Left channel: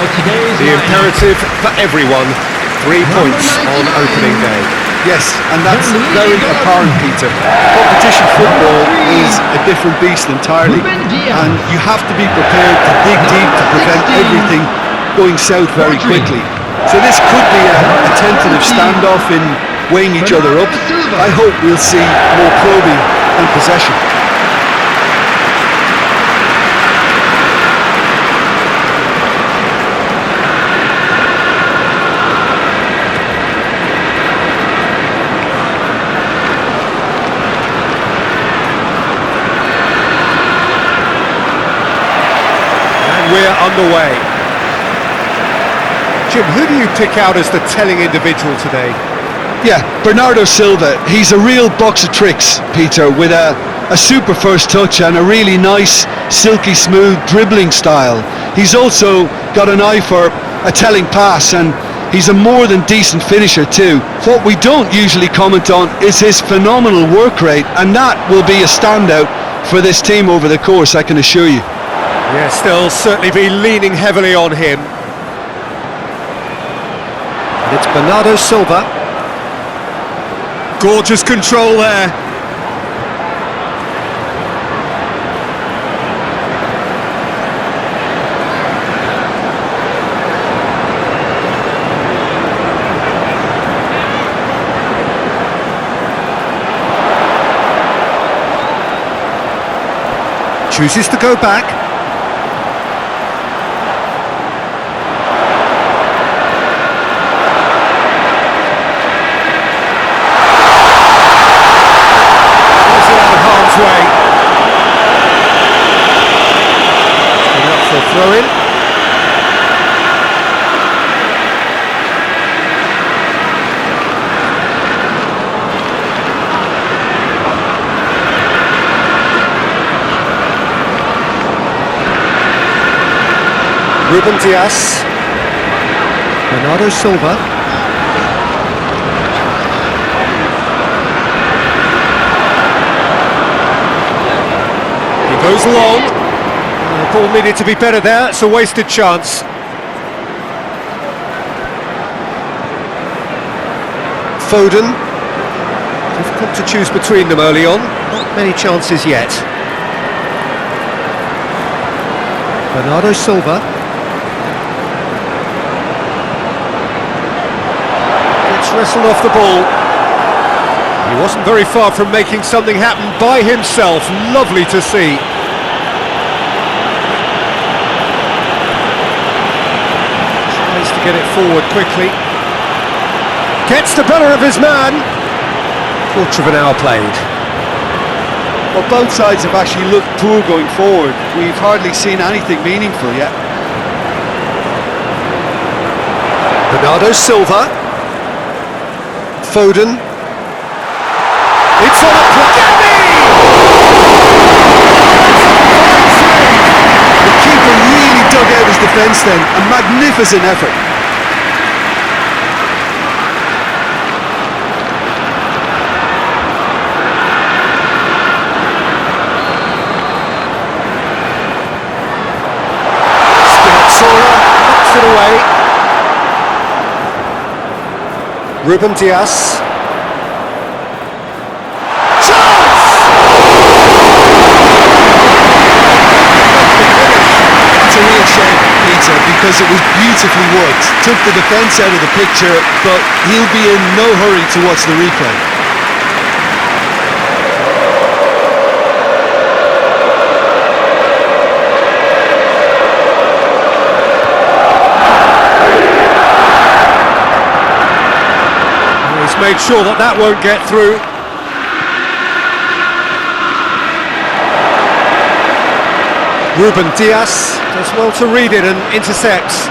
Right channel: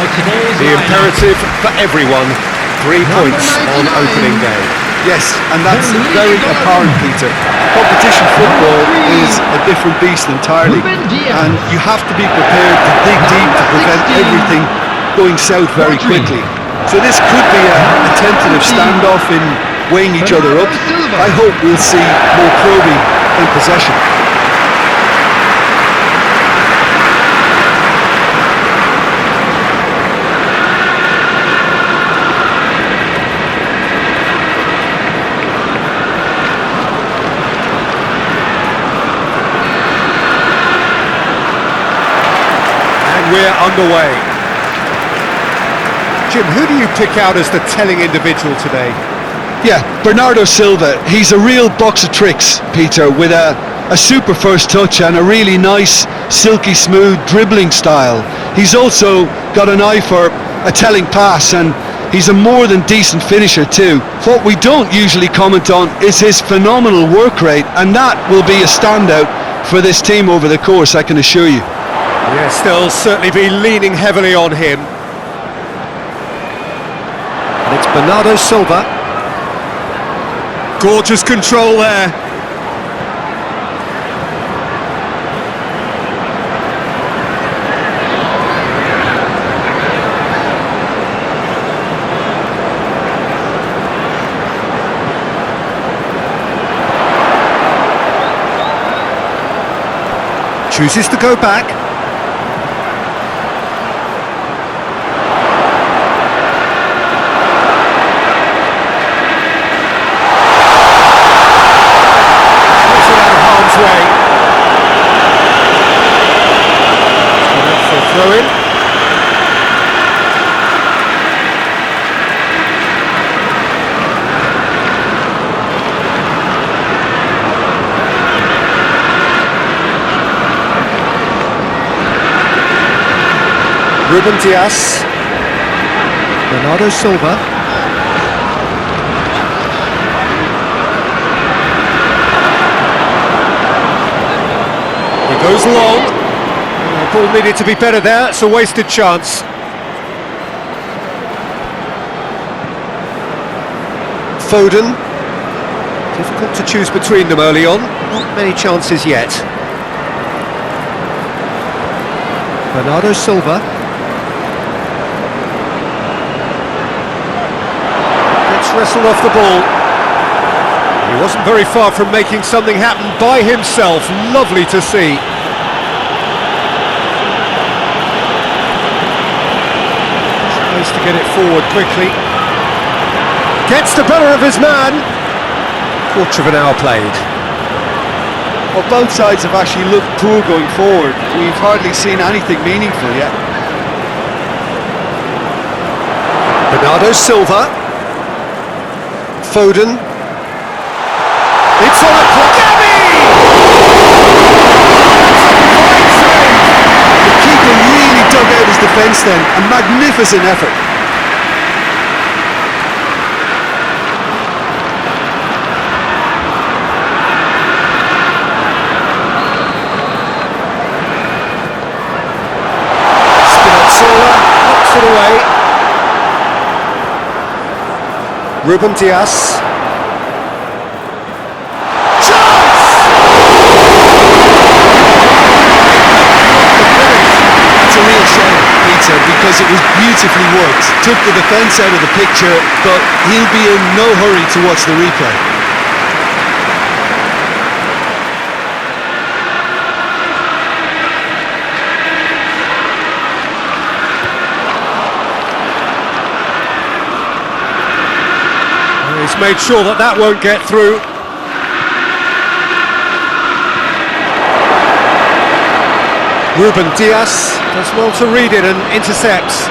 Now today's The lineup. imperative for everyone, 3 points on 99. opening day. Yes, and that's very apparent, Peter. Competition football is a different beast entirely, and you have to be prepared to dig deep to prevent everything going south very quickly. So this could be a tentative standoff in weighing each other up. I hope we'll see more probing and possession. We're underway. Jim, who do you pick out as the telling individual today? Yeah, Bernardo Silva. He's a real box of tricks, Peter, with a super first touch and a really nice, silky smooth dribbling style. He's also got an eye for a telling pass, and he's a more than decent finisher too. What we don't usually comment on is his phenomenal work rate, and that will be a standout for this team over the course, I can assure you. Yes, they'll certainly be leaning heavily on him. And it's Bernardo Silva. Gorgeous control there. Chooses to go back. Way. Going out for a throw-in. Ruben Dias. Bernardo Silva. Goes long. Ball needed to be better there. It's a wasted chance. Foden. Difficult to choose between them early on. Not many chances yet. Bernardo Silva. Gets wrestled off the ball. He wasn't very far from making something happen by himself. Lovely to see. Tries to get it forward quickly. Gets the better of his man. Quarter of an hour played. Well, both sides have actually looked poor going forward. We've hardly seen anything meaningful yet. Bernardo Silva. Foden. It's on a play. The keeper really dug out his defence then. A magnificent effort. Spinazzola knocks it away. Ruben Dias. It's a real shame, Peter, because it was beautifully worked. Took the defence out of the picture, but he'll be in no hurry to watch the replay. He's made sure that that won't get through. Ruben Dias does well to read it and intercepts.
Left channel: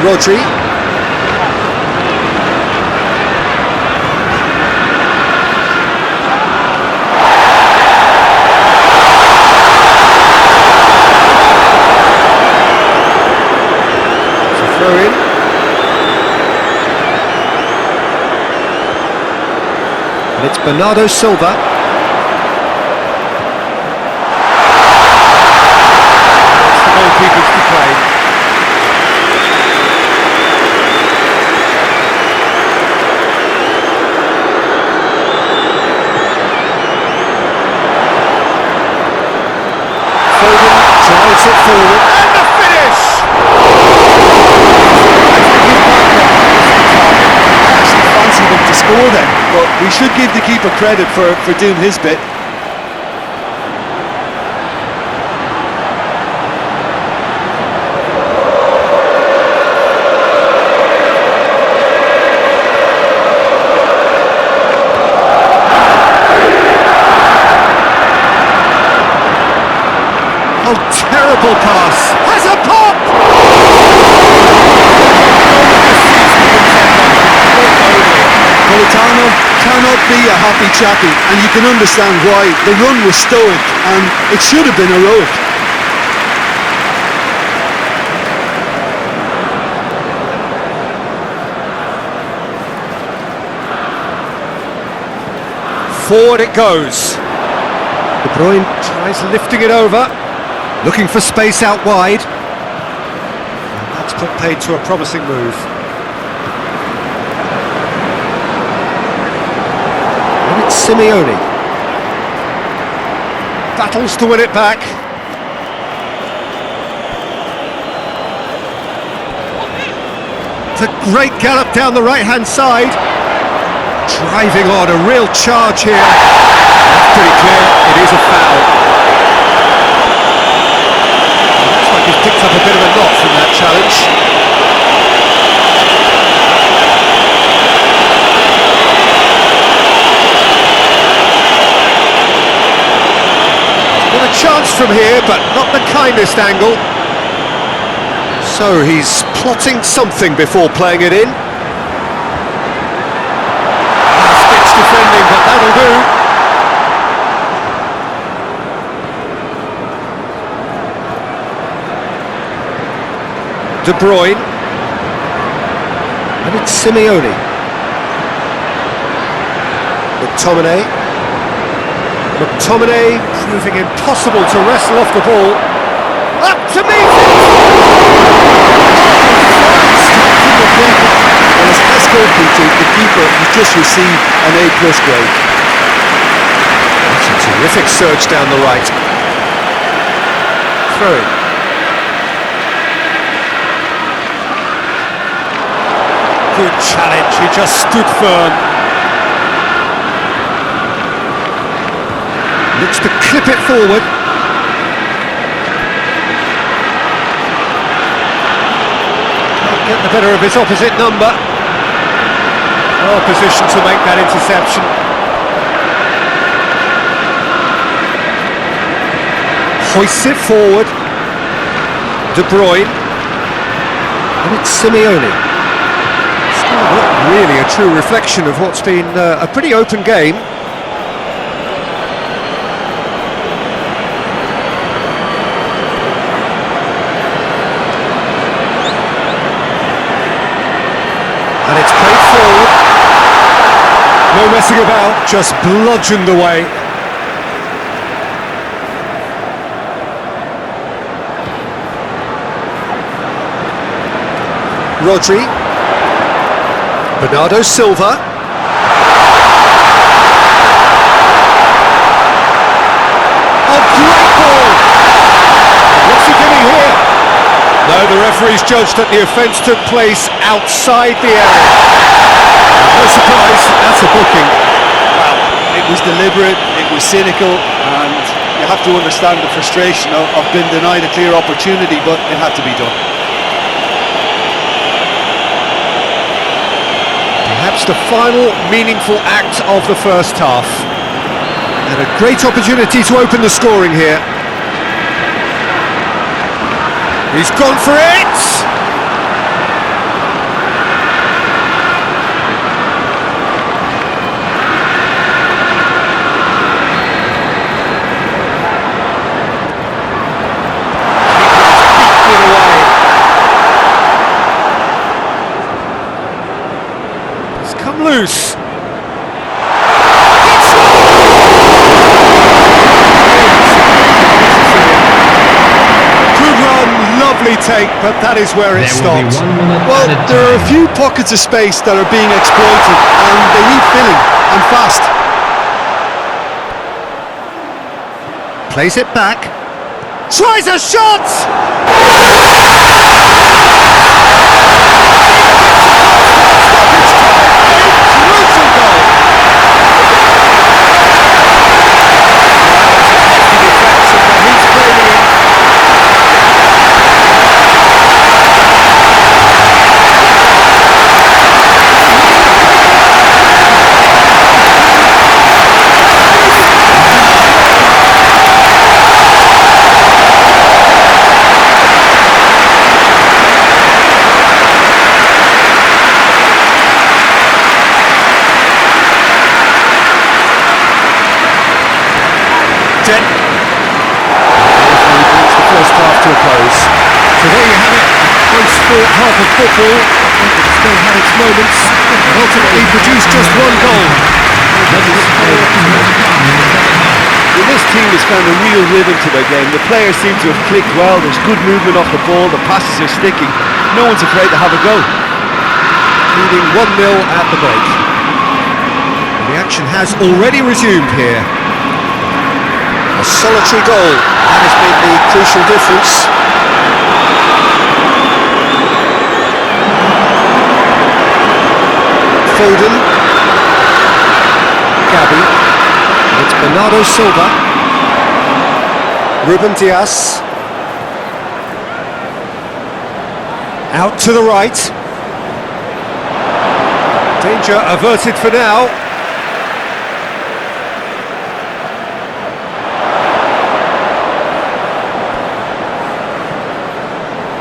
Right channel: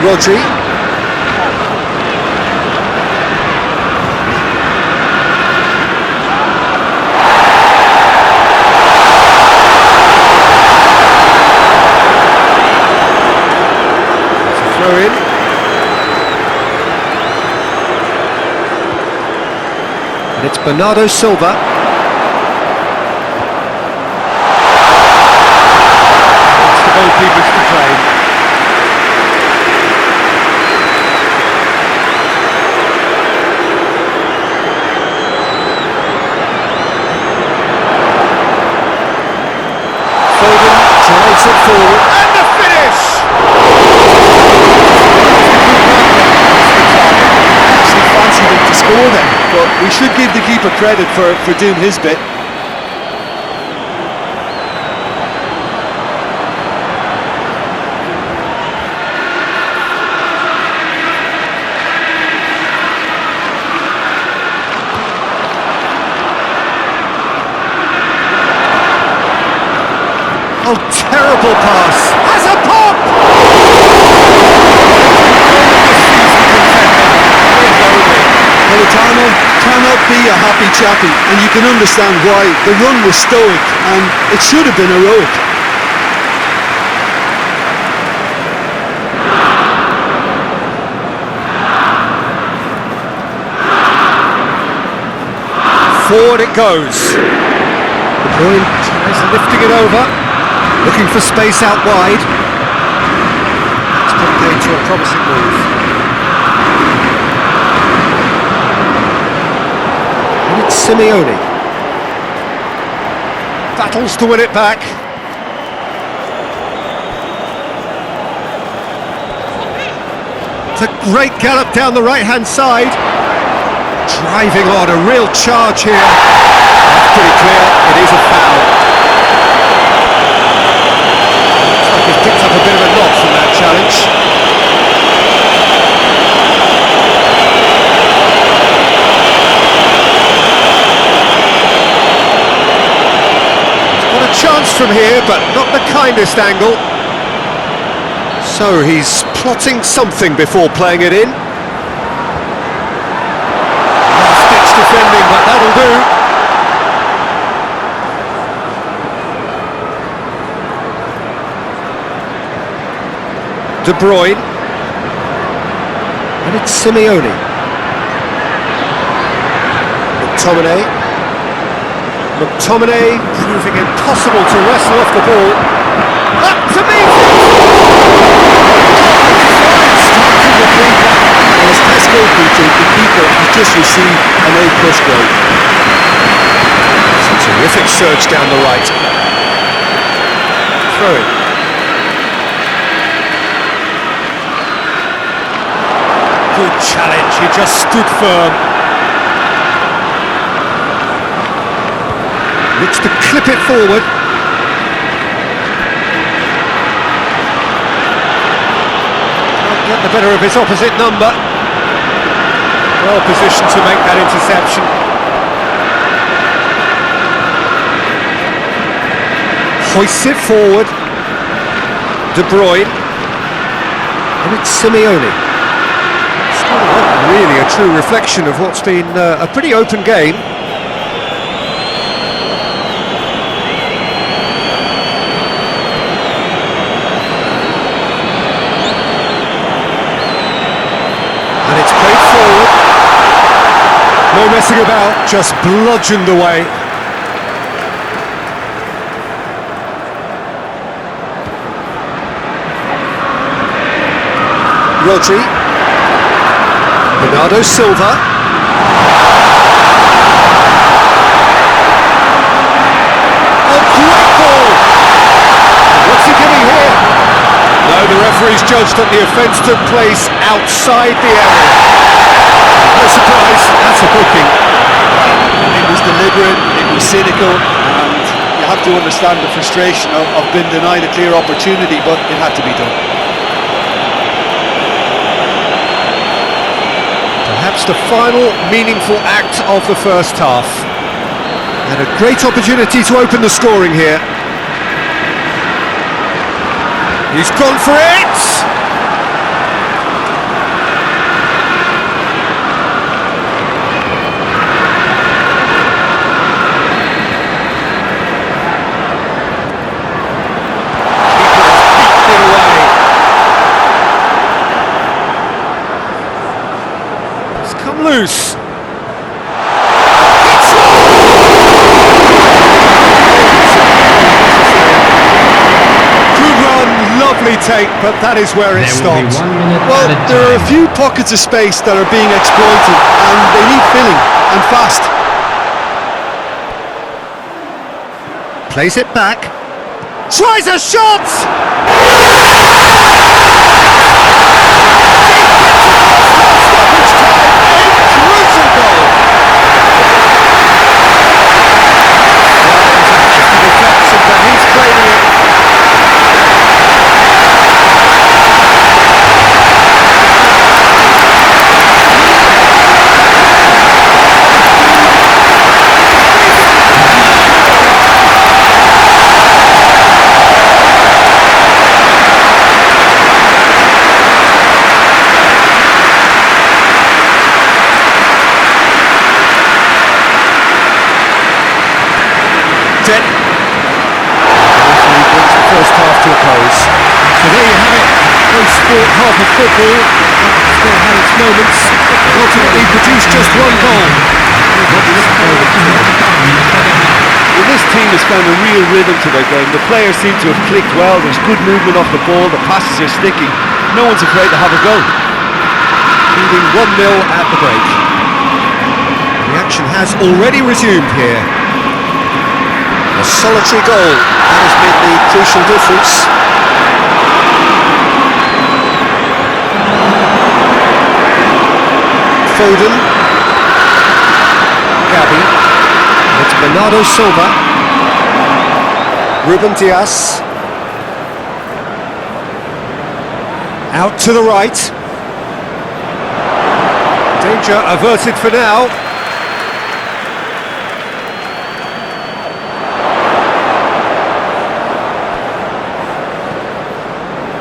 Rodri. It's a throw in. And it's Bernardo Silva. It's the goalkeepers to claim. Foden drives it forward, and the finish! I actually fancied him to score then, but we should give the keeper credit for doing his bit. Oh, terrible pass! Has a pop! Politano cannot be a happy chappy, and you can understand why. The run was stoic, and it should have been heroic. Forward it goes. De Bruyne tries lifting it over, looking for space out wide. That's put paid to a promising move. And it's Simeone. Battles to win it back. It's a great gallop down the right-hand side. Driving on, a real charge here. That's pretty clear, it is a foul. Looks like he's picked up a bit of a knock from that challenge. He's got a chance from here, but not the kindest angle. So he's plotting something before playing it in. Last-ditch defending, but that'll do. De Bruyne, and it's Simeone. McTominay proving impossible to wrestle off the ball. Up to meet it! Fine stop from the keeper. Well, as best goalkeeper, the keeper has just received an A+ grade. That's a terrific surge down the right. Throw it. Good challenge, he just stood firm. Looks to clip it forward. Can't get the better of his opposite number. Well positioned to make that interception. Hoists it forward. De Bruyne. And it's Simeone. Not really a true reflection of what's been a pretty open game. And it's played forward. No messing about, just bludgeoned away. Rodri. Bernardo Silva. Oh, great ball! What's he giving here? No, the referee's judged that the offence took place outside the area. No surprise, that's a booking. Well, it was deliberate, it was cynical, and you have to understand the frustration of being denied a clear opportunity, but it had to be done. Perhaps the final meaningful act of the first half. And a great opportunity to open the scoring here. He's gone for it! Keeper has beaten it away. It's come loose. lovely take, but that is where it There will be stopped. 1 minute Well, added there are a time. few pockets of space that are being exploited, and they need filling, and fast. Plays it back. Tries a shot! Stoppage time, a crucial goal! Well, it was a hefty deflection, but he's claiming it. The referee brings the first half to a close. So there you have it, close sport half of football, but it still had its moments, and ultimately produced just one goal. Let's look forward to more to come in the second half. Well, this team has found a real rhythm to their game. The players seem to have clicked well. There's good movement off the ball. The passes are sticking. No one's afraid to have a go. Leading 1-0 at the break. And the action has already resumed here. A solitary goal, that has made the crucial difference. Foden. Gabi. It's Bernardo Silva. Ruben Dias. Out to the right. Danger averted for now.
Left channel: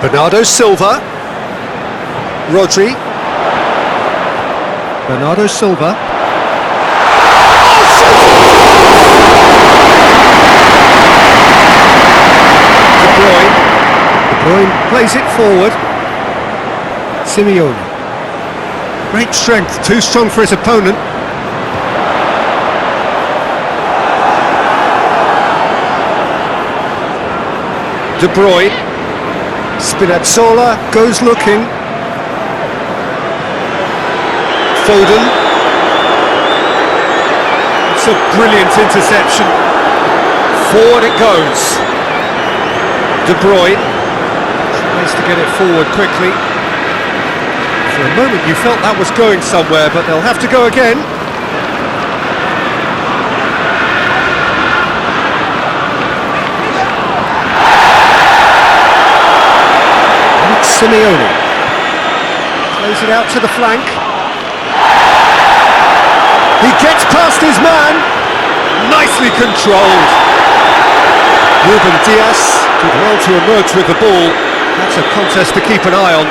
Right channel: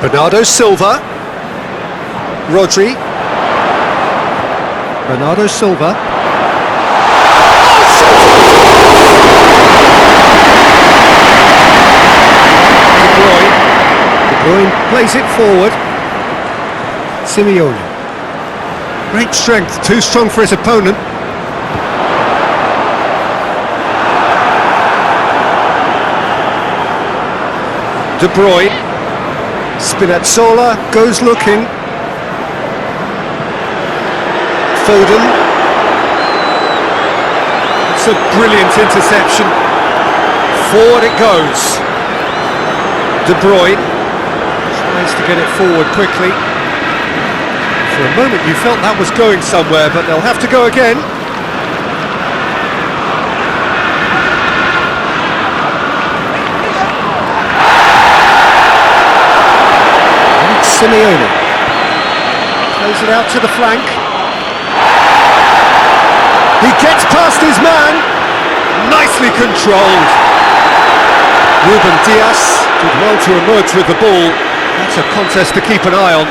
Bernardo Silva. Rodri. Bernardo Silva. Oh, De Bruyne plays it forward. Simeone. Great strength, too strong for his opponent. De Bruyne. Spinazzola goes looking. Foden. It's a brilliant interception. Forward it goes. De Bruyne tries to get it forward quickly. For a moment you felt that was going somewhere, but they'll have to go again. Simeone plays it out to the flank. He gets past his man. Nicely controlled. Ruben Dias did well to emerge with the ball. That's a contest to keep an eye on.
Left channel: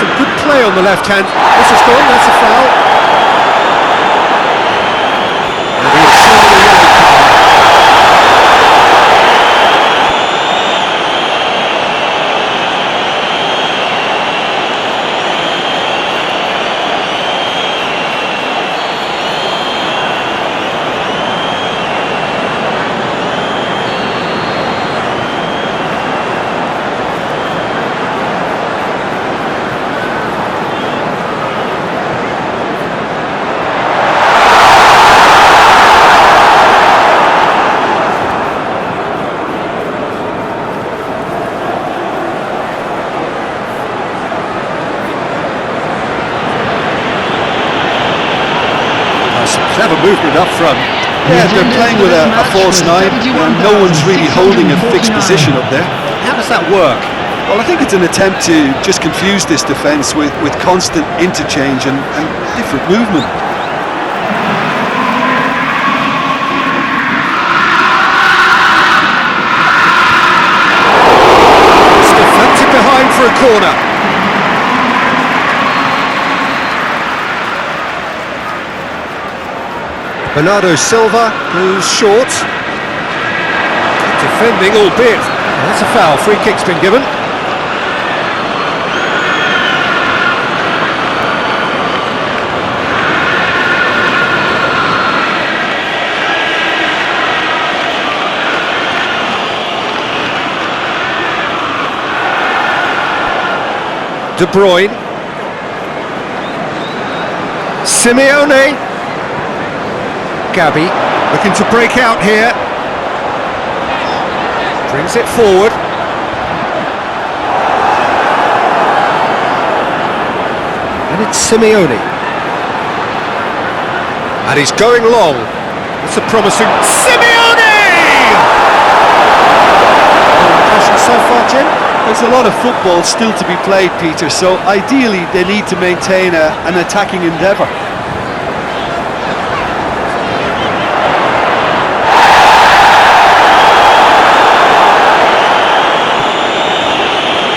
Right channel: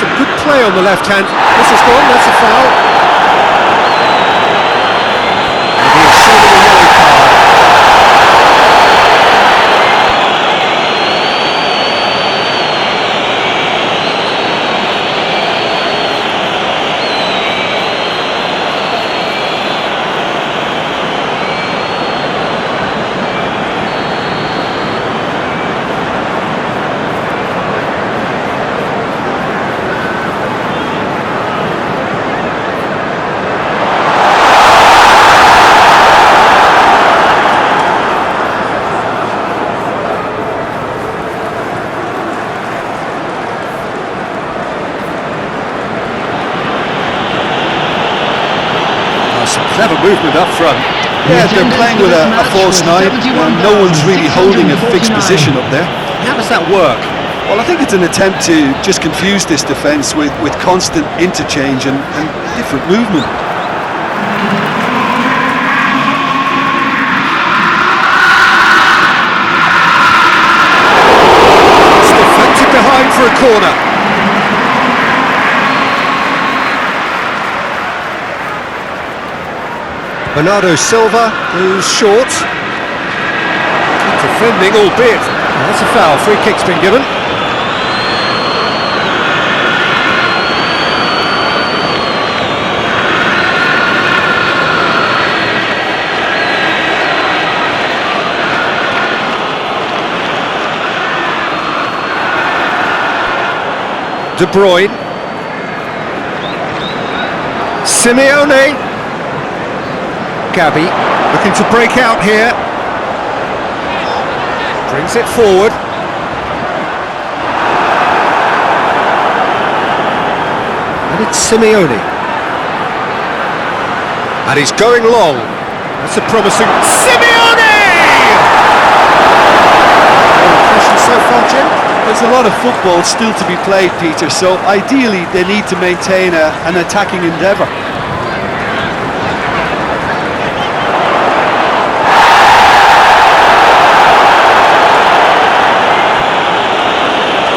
Some good play on the left hand. This is gone, that's a foul. And he is shown a yellow card. Some clever movement up front. Yeah, they're playing with a false nine. No one's really holding a fixed position up there. How does that work? Well, I think it's an attempt to just confuse this defence with constant interchange and different movement. It's deflected behind for a corner. Bernardo Silva goes short. Good defending, albeit. Oh, that's a foul. Free kick's been given. De Bruyne. Simeone. Gabby looking to break out here. Brings it forward. And it's Simeone. And he's going long. That's a promising... Simeone! Your impression so far, Jim? There's a lot of football still to be played, Peter, so ideally they need to maintain an attacking endeavour.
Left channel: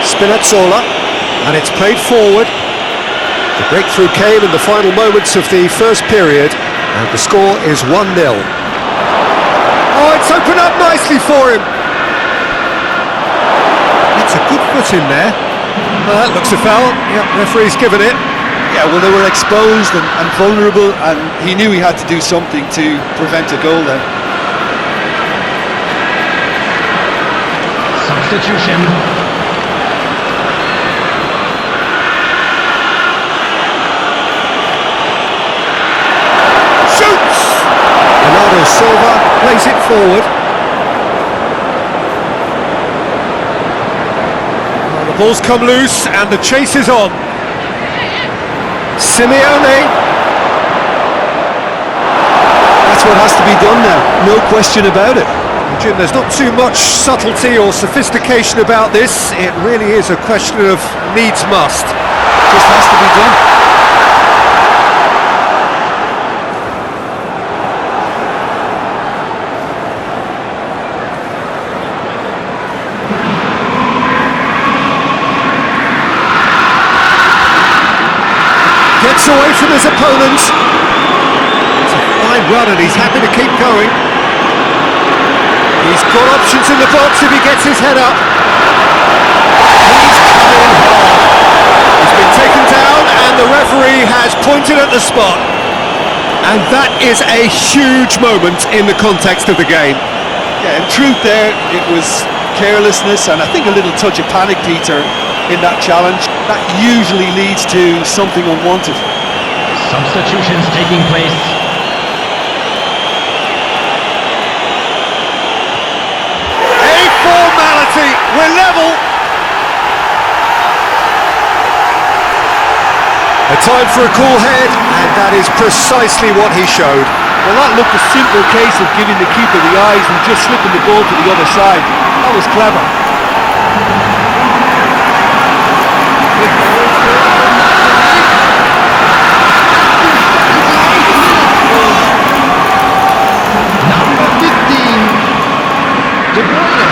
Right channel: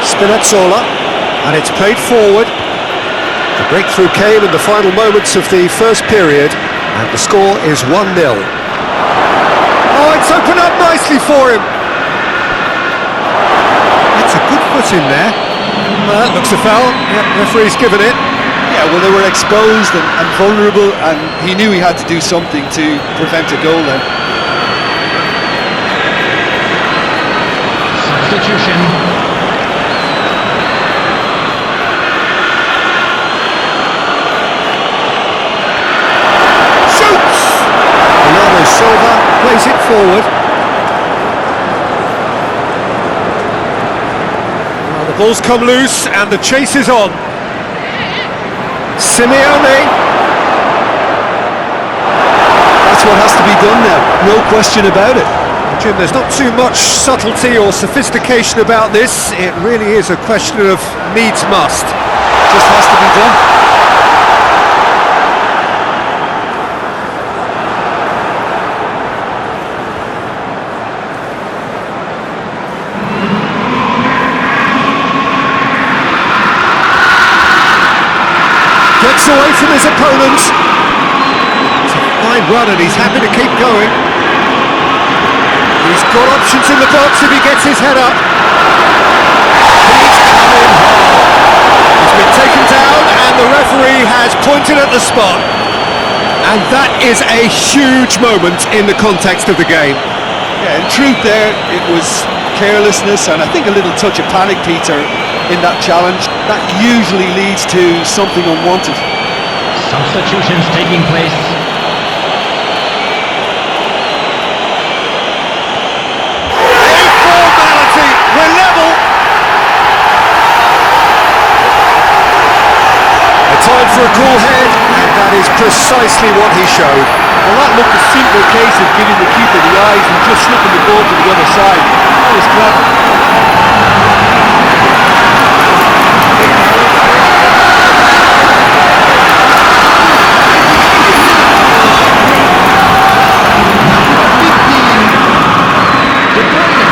Spinazzola, and it's played forward. The breakthrough came in the final moments of the first period, and the score is 1-0. Oh, it's opened up nicely for him. It's a good foot in there. Well, that looks a foul. Yep, referee's given it. Yeah, well, they were exposed and vulnerable, and he knew he had to do something to prevent a goal then. Substitution. Shoots! Bernardo Silva plays it forward. Well, the ball's come loose and the chase is on. Simeone. That's what has to be done now, no question about it. Jim, there's not too much subtlety or sophistication about this. It really is a question of needs must. Just has to be done. Gets away from his opponent. It's a fine run and he's happy to keep going. He's got options in the box if he gets his head up. He's come in hard. He's been taken down and the referee has pointed at the spot. And that is a huge moment in the context of the game. Yeah, in truth there, it was carelessness and I think a little touch of panic, Peter, in that challenge. That usually leads to something unwanted. Substitutions taking place. We're level. A time for a cool head, and that is precisely what he showed. Well, that looked a simple case of giving the keeper the eyes and just slipping the ball to the other side. That was clever. Number 15. De Bruyne.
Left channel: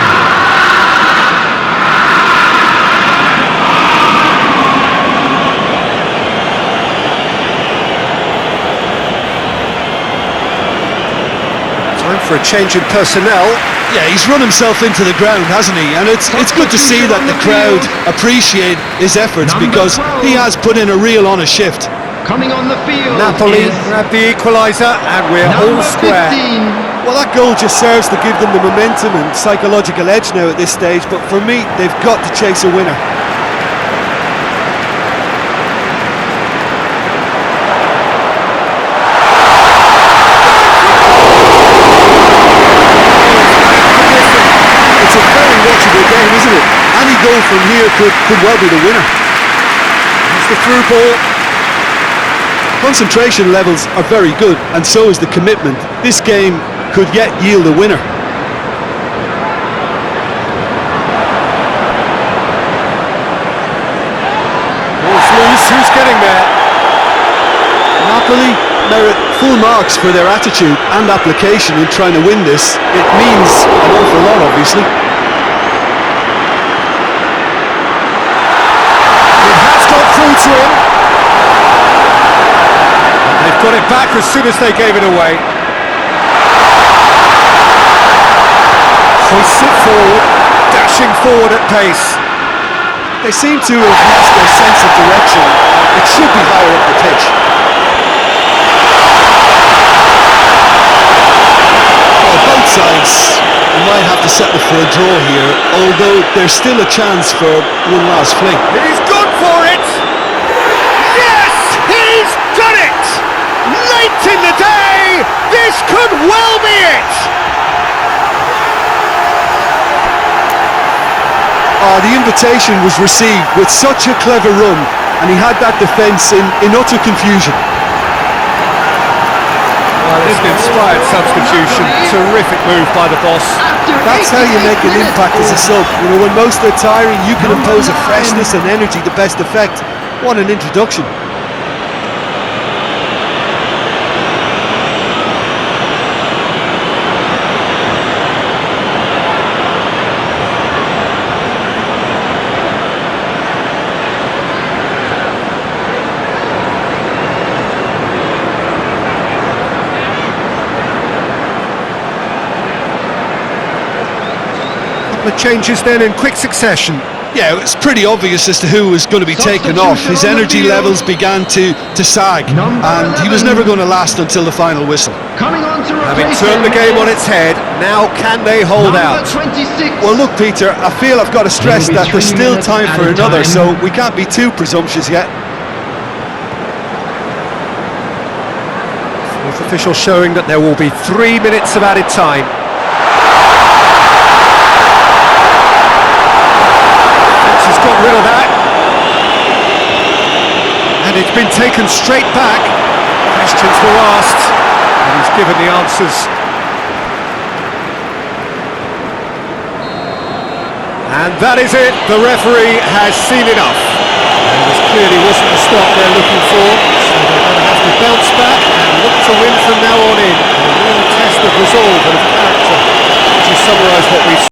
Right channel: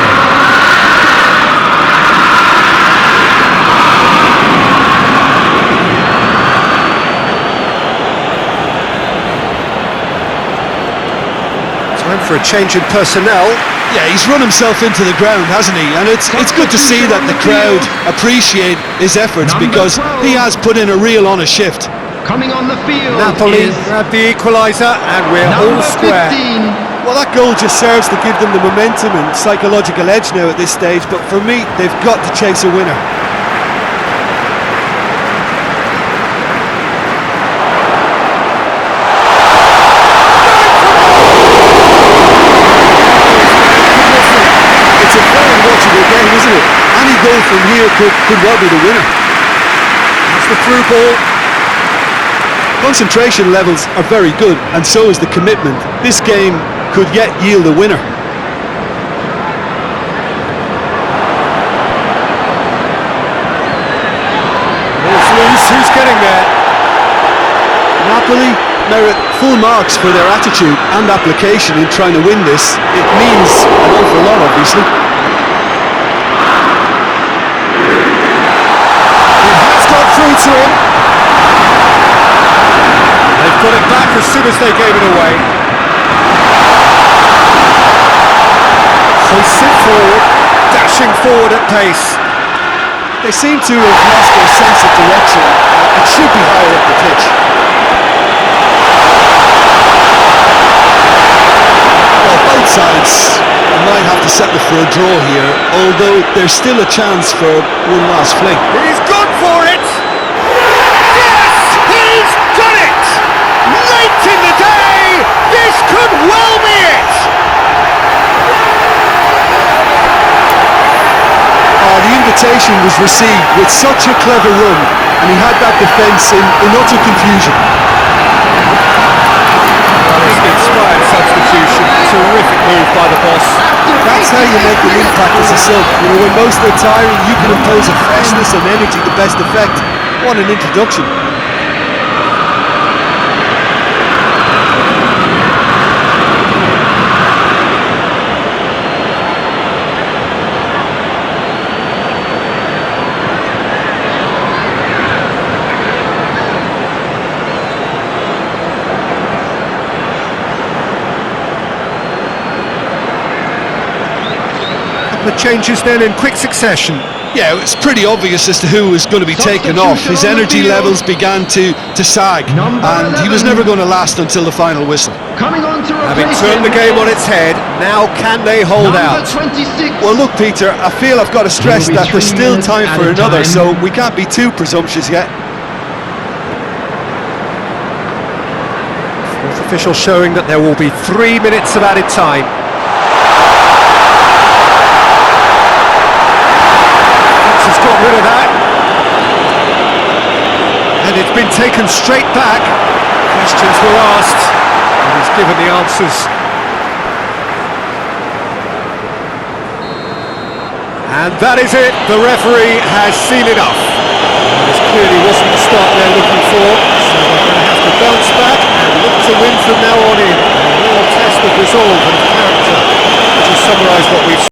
Time for a change in personnel. Yeah, he's run himself into the ground, hasn't he? And it's good to see that the crowd appreciate his efforts because he has put in a real honest shift. Coming on the field Napoli is grab the equaliser and we're all number square. 15. Well, that goal just serves to give them the momentum and psychological edge now at this stage, but for me, they've got to chase a winner. It's a very watchable game, isn't it? Any goal from here could well be the winner. That's the through ball. Concentration levels are very good, and so is the commitment. This game could yet yield a winner. Ball's loose, who's getting there? Napoli merit full marks for their attitude and application in trying to win this. It means an awful lot, obviously. It has gone through to him. They've got it back as soon as they gave it away. Hoists it forward, dashing forward at pace. They seem to have lost their sense of direction. It should be higher up the pitch. Well, both sides might have to settle for a draw here, although there's still a chance for one last fling. He's gone for it! see it! Oh, the invitation was received with such a clever run, and he had that defence in utter confusion. Well, it's an inspired substitution. Terrific move by the boss. That's how you make an impact as a sub. You know, when most are tiring, you can impose a freshness and energy to best effect. What an introduction. The changes then in quick succession. Yeah, it's pretty obvious as to who was going to be taken off. His energy levels began to sag, and he was never going to last until the final whistle. Coming on to Having replace turned the him game on is its head, now can they hold out? 26. Well, look, Peter, I feel I've got to stress There will be that there's 3 still minutes time for added another, time. so we can't be too presumptuous yet. Fourth official showing that there will be 3 minutes of added time. Has got rid of that, and it's been taken straight back. Questions were asked, and he's given the answers. And that is it, the referee has seen enough. And this clearly wasn't the start they're looking for, so they're going to have to bounce back and look to win from now on in. A real test of resolve and of character, which is summarised what we've